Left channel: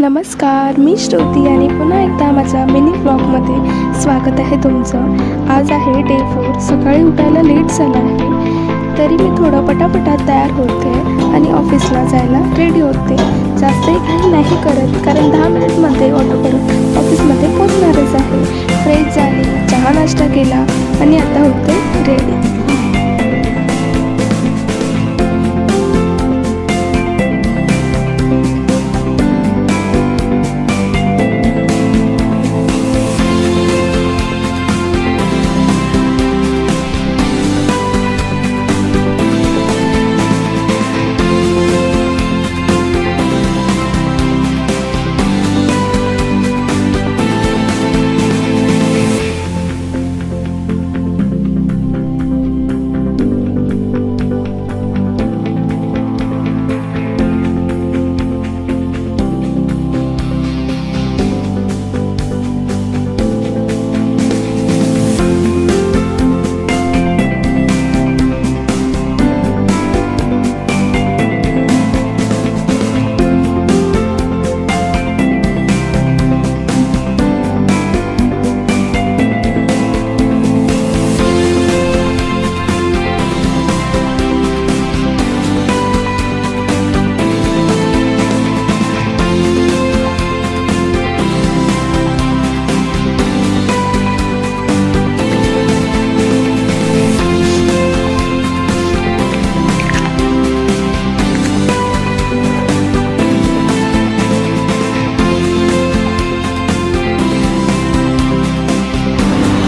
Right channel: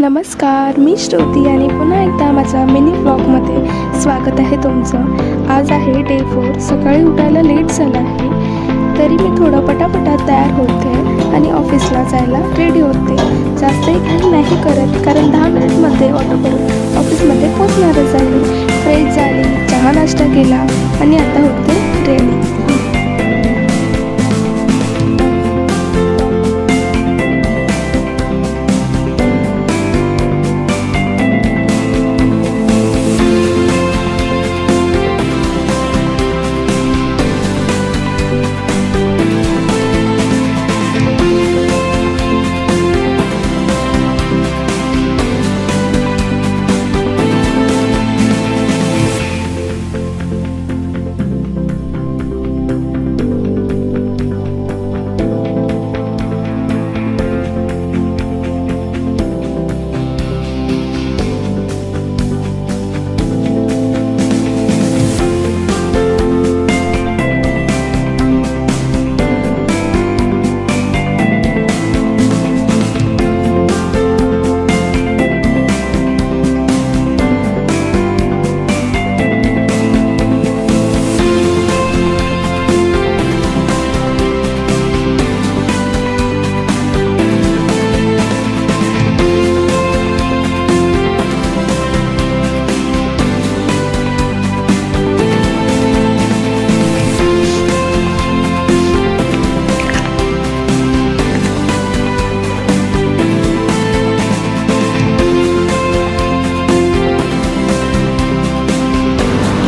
नमस्कार, मी श्रुती आणि पुन्हा एकदा माझ्या मिनी व्लॉगमध्ये स्वागत आहे तुमचं. आज आहे डे 4. सकाळी उठायला लेट झाला आहे, तरी मी थोडं पटापटा तयार होते आणि ऑफिसला जायला रेडी होते. जास्तही काही नाही करत, कारण 10 मिनिटमध्ये ऑटो करून ऑफिसमध्ये पोचणारच आहे. फ्रेश झाली, चहा नाश्ता केला आणि आता होते रेडी.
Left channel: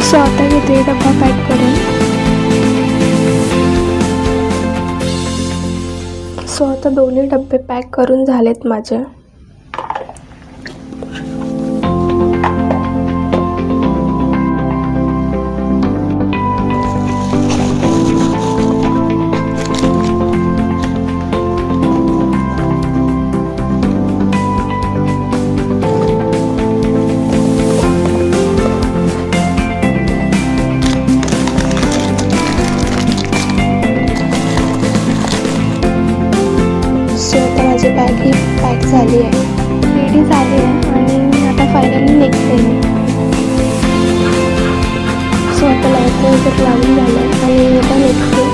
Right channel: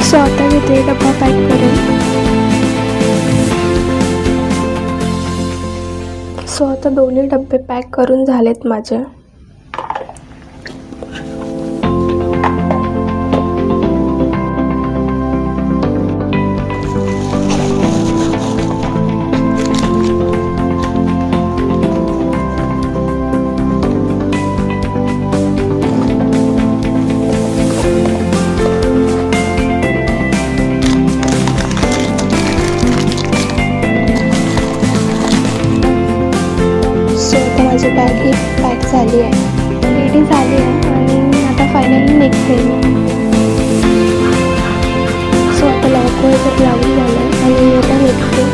सो आता घेते डब्बा पॅक करून. सो आता दोन्ही डब्बे पॅक करून झालेत माझे. माझी बॅग ही पॅक झाली आहे, रेडी झाली आहे आणि आता फायनली निघते मी. सो आता लॉक वगैरे लावून झालं आहे आणि मी आता निघते.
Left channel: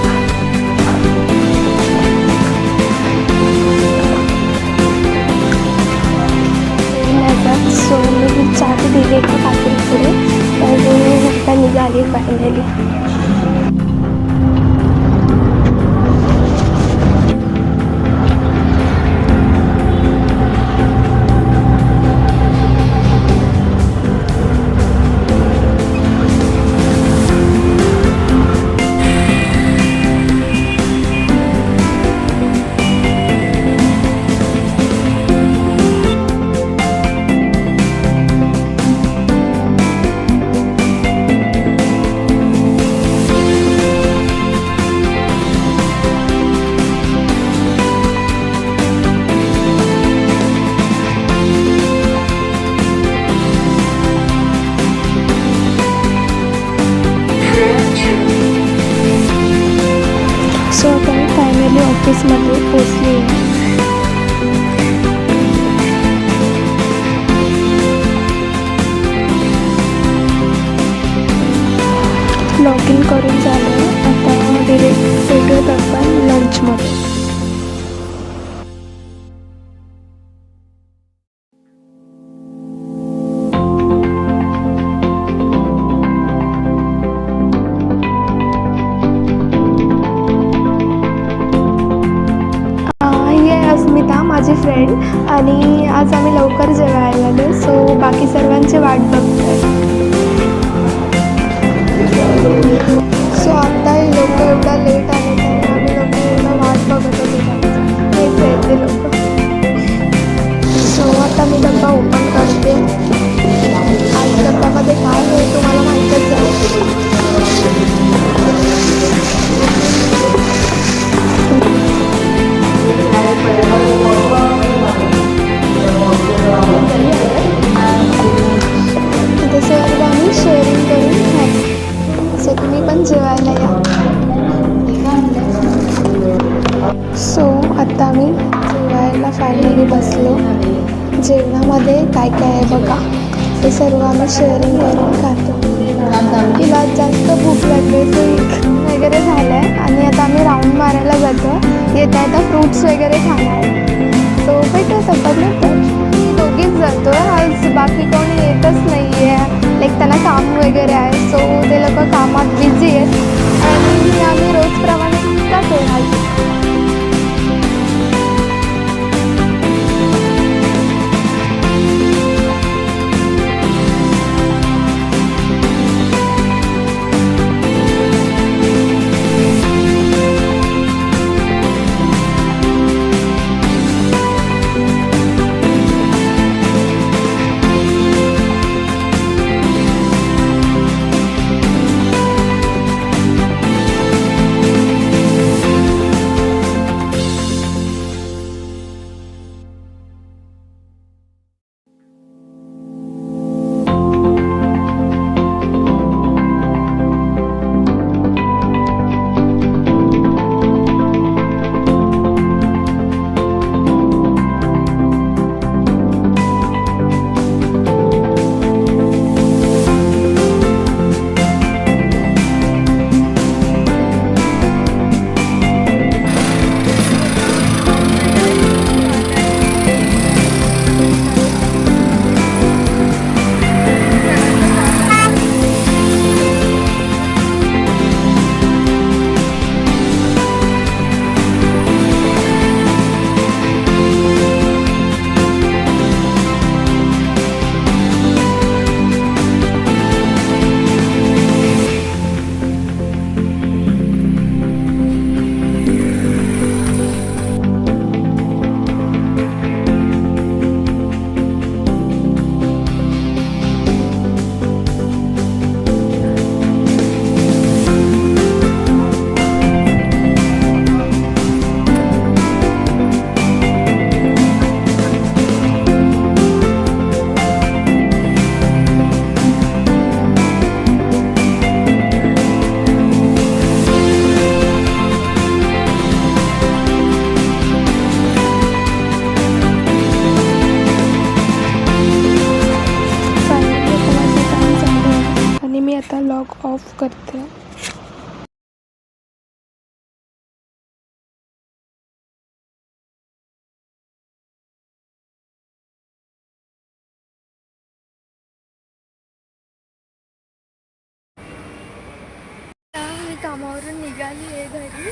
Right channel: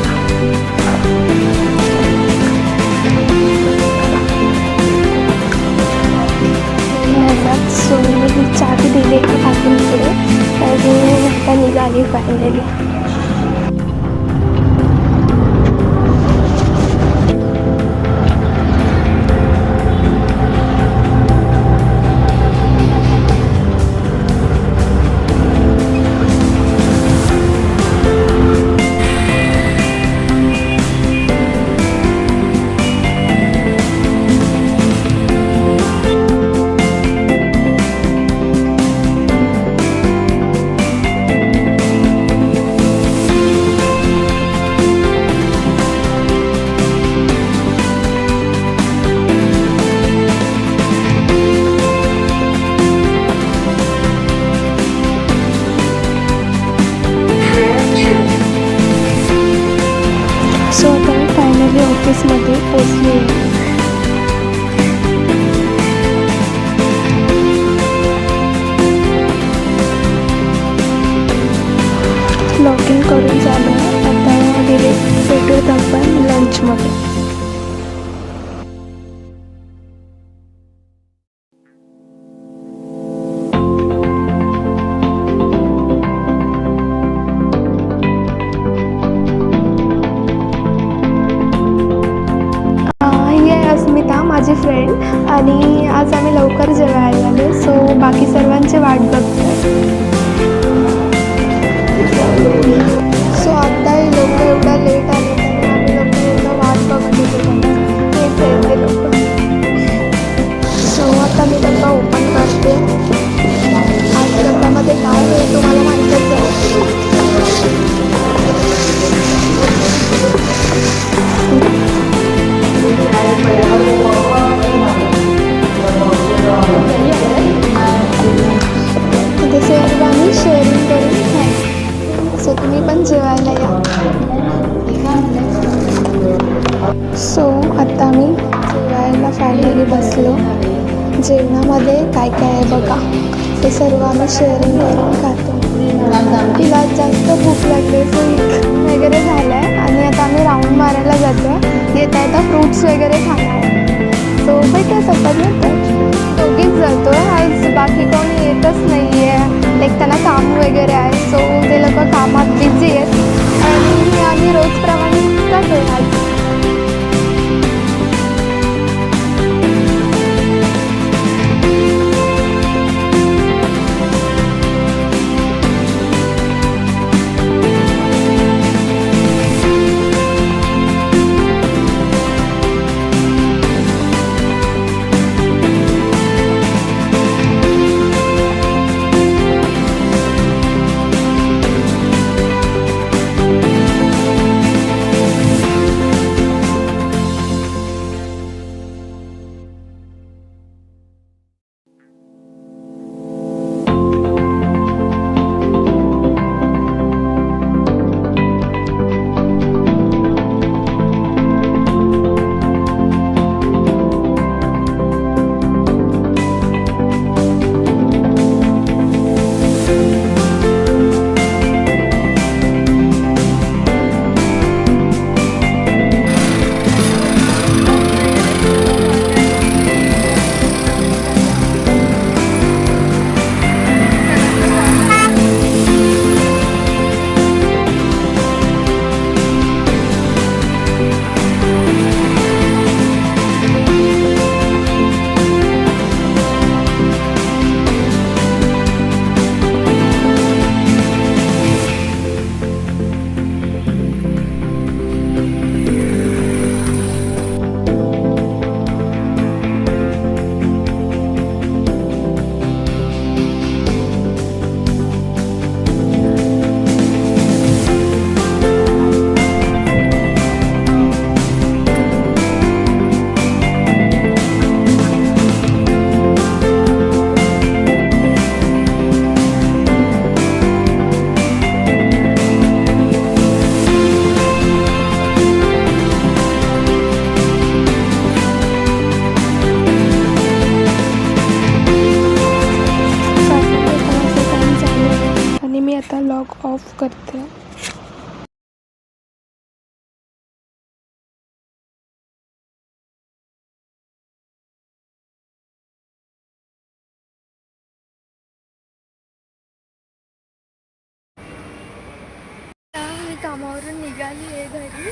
सो मी चाबी दिली एका काकींकडे आणि आता निघाली फायनली. सो आता मी फायनली ऑफिसमध्ये पोचली आहे. लॉग इन करून झालं आहे. आता डिरेक्ट भेटूयात आपण लंचमध्ये. अस्मिता माझी फ्रेंड आणि आज आम्ही लवकर जेवायला आलो. सो बाकी सर्वांची वाट बघतोय. सो आता हे लोक एवढा लेट आले त्यामुळे आम्ही लोक एवढा वाट बघत होतो त्यांचा. हेच आहे ते लोक. सो आता मी डब्बा ओपन करते. आज डब्यामध्ये काय आहे तुम्हाला माहीतच आहे. ते सर्व आम्ही शेअरिंग करून खाऊ. सो तुम्ही पण जेवायला या. सो आता आम्ही जेवायला फायनली बसलो. जेवणामध्ये काय काय आहे बघा, हे सर्व आम्ही शेअरिंग करून खातो. तिला जास्त भूक लागली सो वगैरे झालं आहे आणि आता आम्ही राऊंड मारायला जातो. येता येता फ्रूट्स वगैरे खाणार. सो भेटू तसं नंतर. दोघीच जातो आज, बाकी कोणी येतच नाही आहे. लाईक त्यांना काम वगैरे आहे, सो ते लोक कामात बिझी आहेत आणि आम्ही रोजप्रमाणे जातो आज. मी आता लॉग ऑफ करते. मी कामावरून निघाली आहे घरी.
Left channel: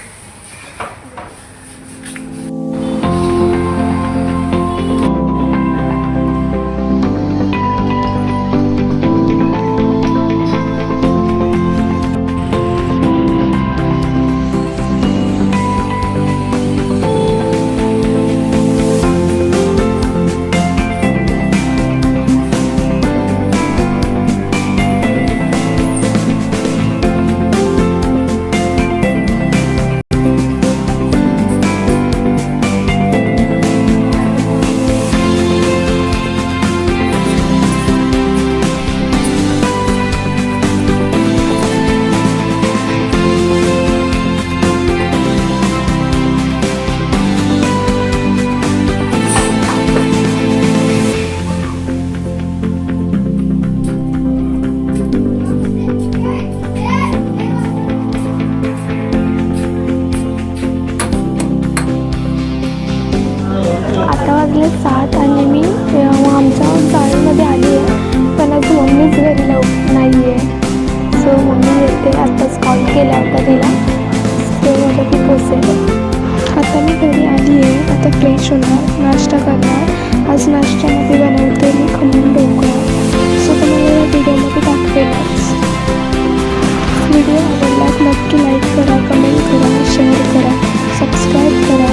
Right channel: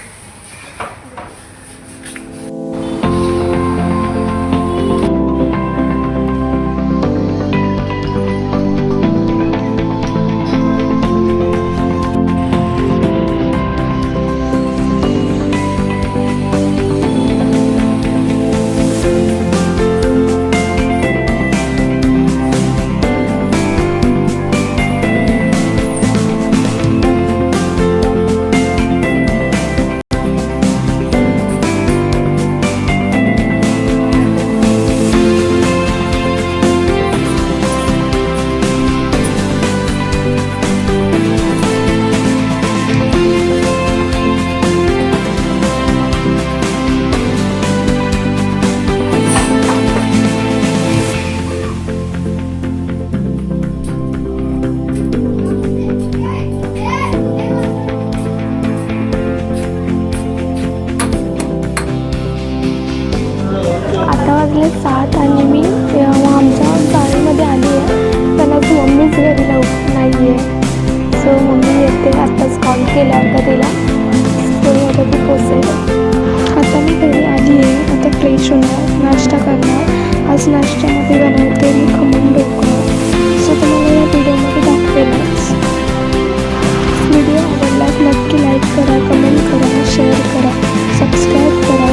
आता वाजले 7 आणि मी आमच्या चाळीमध्ये आली आहे, पण आज मम्मीच घरी नाही आहे. सो मम्मी येते, आत्ताच कॉल केला होता तिला, सो आता ती पोचेल. आता मी घरी आली आहे. आता फ्रेश होणार, नाश्ता करणार. आज नाश्त्यामध्ये बनवते मी खमण ढोकळा. सो तुम्हाला या व्हिडिओमध्ये दाखवेलच. व्हिडिओ आवडल्यास नक्की लाईक करा, कमेंट करा, शेअर करा, सबस्क्राईब करा.